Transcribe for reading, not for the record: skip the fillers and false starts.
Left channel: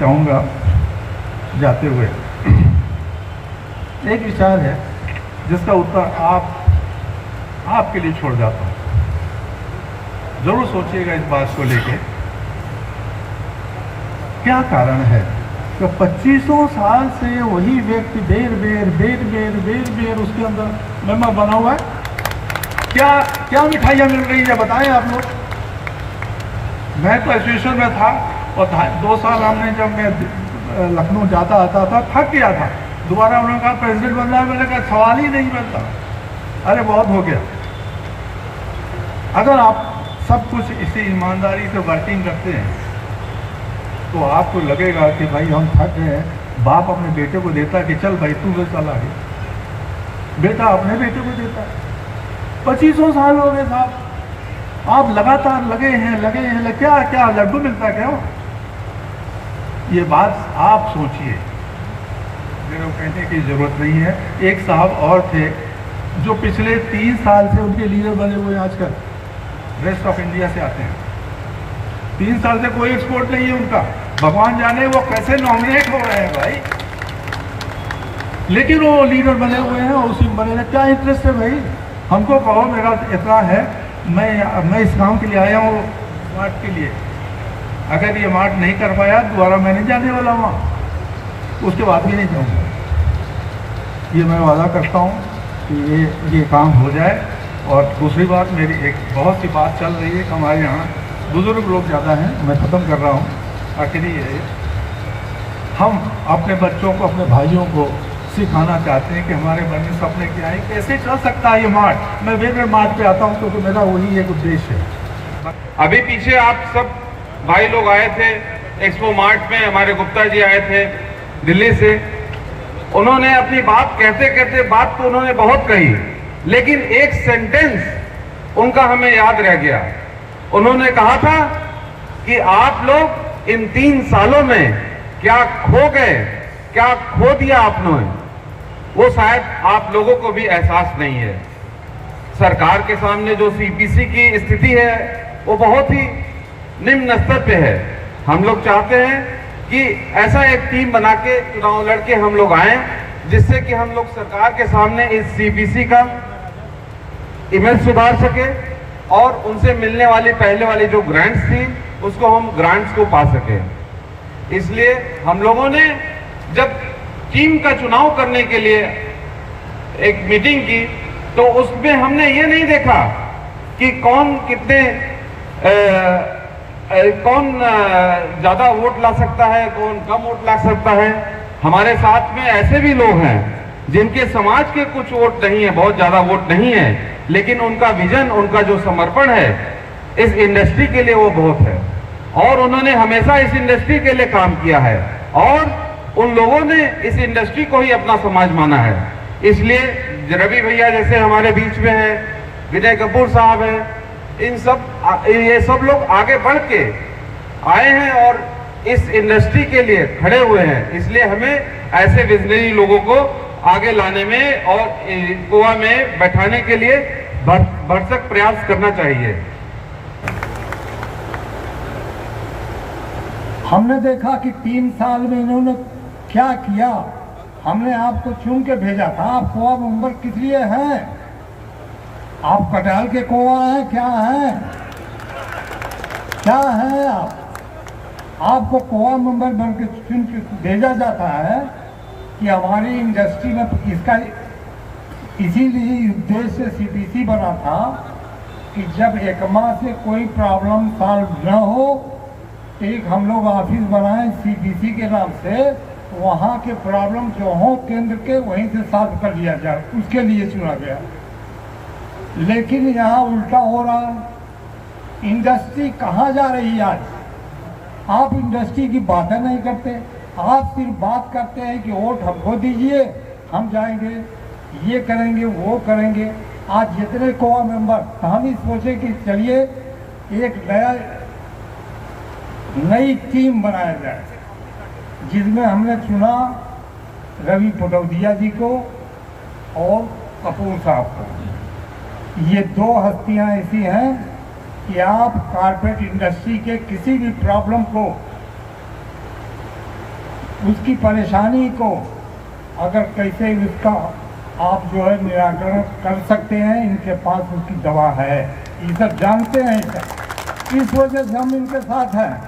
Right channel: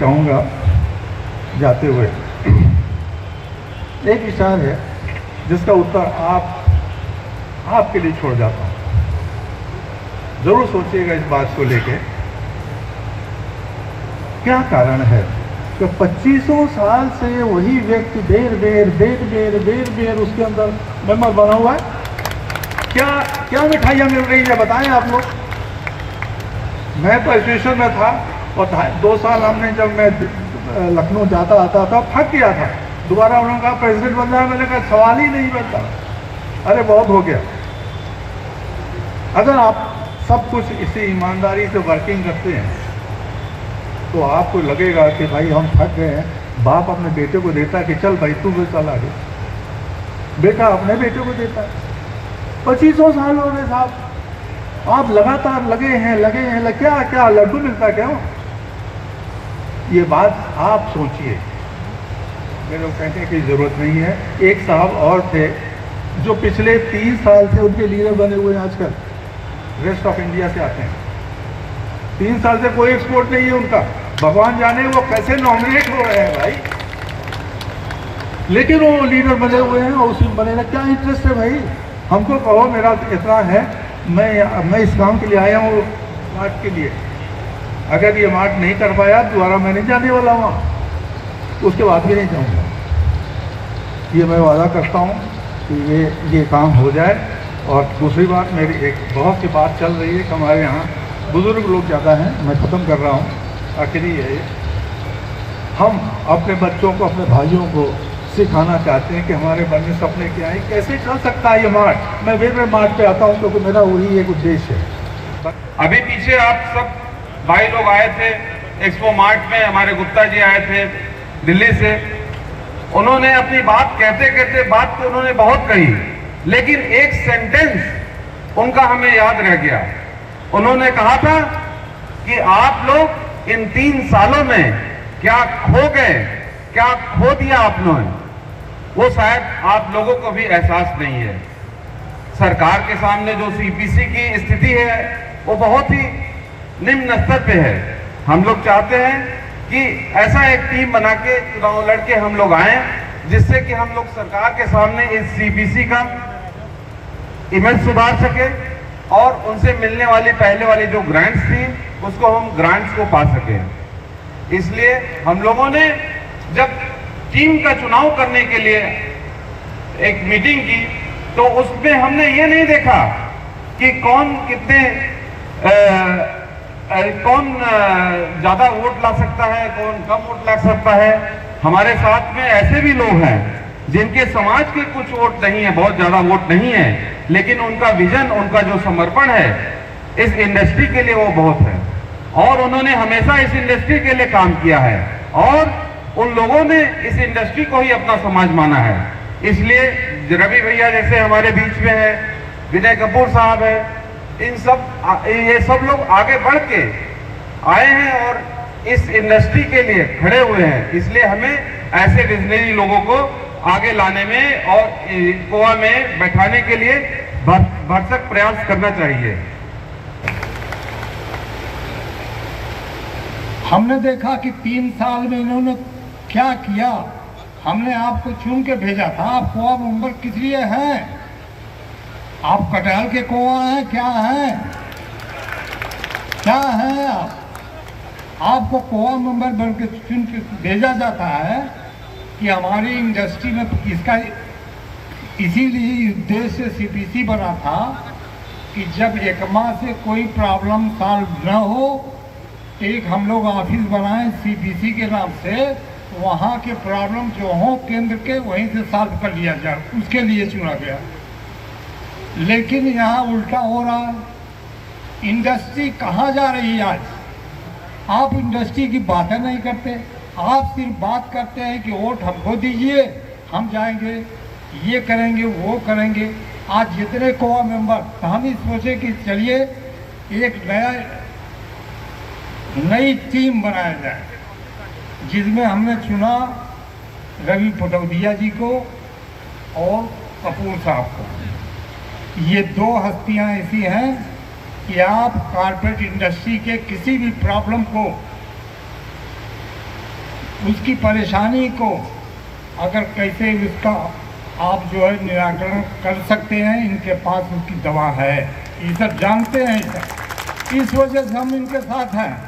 चाहूँगा जाते हुए, एक विचार है जिसका उत्तर आपके लिए छोड़ जाता हूँ। जरूर सोचिएगा इस बात को लेके, क्या कारण है कि 2500 साल से वही व्यक्ति बेर उसके अंदर मेंबर बना हुआ है। क्या मिठाइयाँ मिल रही है बताएं आप लोग। मैं तो एसोसिएशन में था और 2 साल हमने, जब मैं लखनऊ जाता आता था, थक गया था। दोबारा उन्होंने कहा प्रेसिडेंट बन जाए, मैंने कहा सवाल ही नहीं बनता, अरे बहुत हो गया। अगर आप सब कुछ इसी ईमानदारी से वर्किंग करते हैं तो आपको लगेगा कि भाई हम थक गए हैं। बाप अपने बेटे को देता है कि चल भाई तू चल आगे, बेटा अपने बेटे को देता है। 2500 साल हो गए साहब, आप लगातार लगे हैं क्या लड्डू मिलता है क्या? ये बात आप सोचिए, मेरे को कहने की जरूरत नहीं है। एक साहब और थे जो पिछले 3 साल से उनके लीडर बने हुए हैं, आजकल रेस्ट ऑफ इंडिया से आते हैं। 3 साल से कोई एक्सपोर्ट नहीं है उनका, भगवान जाने वो कैसे नॉमिनेट हो रहे हैं भाई, लेकिन वो लीडर बने हुए हैं, उसी में बने रहे। क्या इंटरेस्ट है भाई? हमको कहो मेरा इतना है, मैं इस काम के लिए आया हूँ, मार्ट के लिए। अगर ये मार्ट नहीं कर पाया दोबारा मैं नहीं जाने वाला वहाँ, उसके बाद भी नहीं जाऊँगा। ये मैं वादा करता हूँ कि ये काम हो जाए। और दूसरी बात, मेरी एक बहुत सी बात चल रही है कि हमारे यहाँ बुजुर्ग लोग ज़्यादा हैं, मैं ख़त्म कर रहा हूँ। आखिरी है, हम अपने बच्चों को, अपने भाइयों को सिखाना चाहते हैं कि हमारे मन में सपने क्या है, कैसे चल सकता है ये मार्ट। मैं वेबर मार्ट पे आता हूँ क्योंकि मेरा वही एक उद्देश्य है। अभी पीछे आप सब भाई लोग आए थे एक्सपो मार्ट में, हमारे गुप्ता जी आए थे दिल्ली से। उन्होंने अपनी बात कहते बात तो उन्होंने बहुत कही, लेकिन एक सेंटेंस उनका हमें याद रह गया। उन्होंने कहा था कि आप लोग इन 3 सालों में क्या खो गए, क्या खो दिया आप लोगों ने, वो शायद आप लोगों को भी एहसास नहीं है। सरकार के सामने जो सीपीसी की स्थिति है वो बहुत ही निम्न स्तर पे है। हम लोग चाहते हैं कि ऐसा एक टीम बना के चुनाव लड़के हम लोग आए, जिससे कि हम लोग सरकार के सामने इस सीपीसी का इमेज सुधार सके और उनसे मिलने वाली पहले वाली जो ग्रांट्स थी उसको हम ग्रांट्स को पा सके। इसलिए हम लोगों ने जब टीम का चुनाव करने के लिए एक मीटिंग की तो उसमें हमने ये नहीं देखा कि कौन ज्यादा वोट ला सकता है, कौन कम वोट ला सकता है। हमारे साथ में ऐसे भी लोग हैं जिनके समाज के कुछ वोट नहीं है, बहुत ज्यादा वोट नहीं है, लेकिन उनका विजन, उनका जो समर्पण है इस इंडस्ट्री के लिए वो बहुत है, और उन्होंने हमेशा इस इंडस्ट्री के लिए काम किया है, और उन लोगों ने इस इंडस्ट्री को ही अपना समाज माना है। इसलिए रवि भैया जैसे हमारे बीच में है, विनय कपूर साहब है, ये सब लोग आगे बढ़ के आए हैं और इस इंडस्ट्री के लिए खड़े हुए हैं। इसलिए हमें ऐसे विजनरी लोगों को आगे लाने में और गोवा में बैठाने के लिए भरसक प्रयास करना चाहिए। हमने देखा कि 3 साल में इन्होंने क्या किया। हमने आपको चुन के भेजा था, आप कोआ मेंबर किस लिए हैं? आप कटाल के कोआ हैं? क्या हैं? क्या हैं आप? आपको कोआ मेंबर बन के चुन के भेजा जाता है कि हमारी इंडस्ट्री में इसका इसीलिए उद्देश्य से सीपीसी बना था कि जब एकमा से कोई प्रॉब्लम सॉल्व न हो, एक हम लोग ऑफिस बनाए सीपीसी के नाम से, वहाँ के प्रॉब्लम जो हो केंद्र के वहीं से सॉल्व कर लिया जाए, उसके लिए चुना गया। लेकिन यहाँ उल्टा हो रहा है। इंडस्ट्री कहाँ जा रही है आज? आप इंडस्ट्री की बातें नहीं करते, आप सिर्फ बात करते हैं कि वोट हमको दीजिए, हम जाएंगे, ये करेंगे, वो करेंगे। आज जितने कोआ मेंबर, हम ही सोचे कि चलिए एक नई टीम बनाया जाए, जिसमें हमने चुना रवि पटौदिया जी को और कपूर साहब को। ये 2 हस्तियां ऐसी हैं कि आप कारपेट इंडस्ट्री के किसी भी प्रॉब्लम को उसकी परेशानी को अगर कैसे उसका आप जो है निराकरण कर सकते हैं, इनके पास उसकी दवा है, ये सब जानते हैं। इस वजह से हम इनके साथ हैं।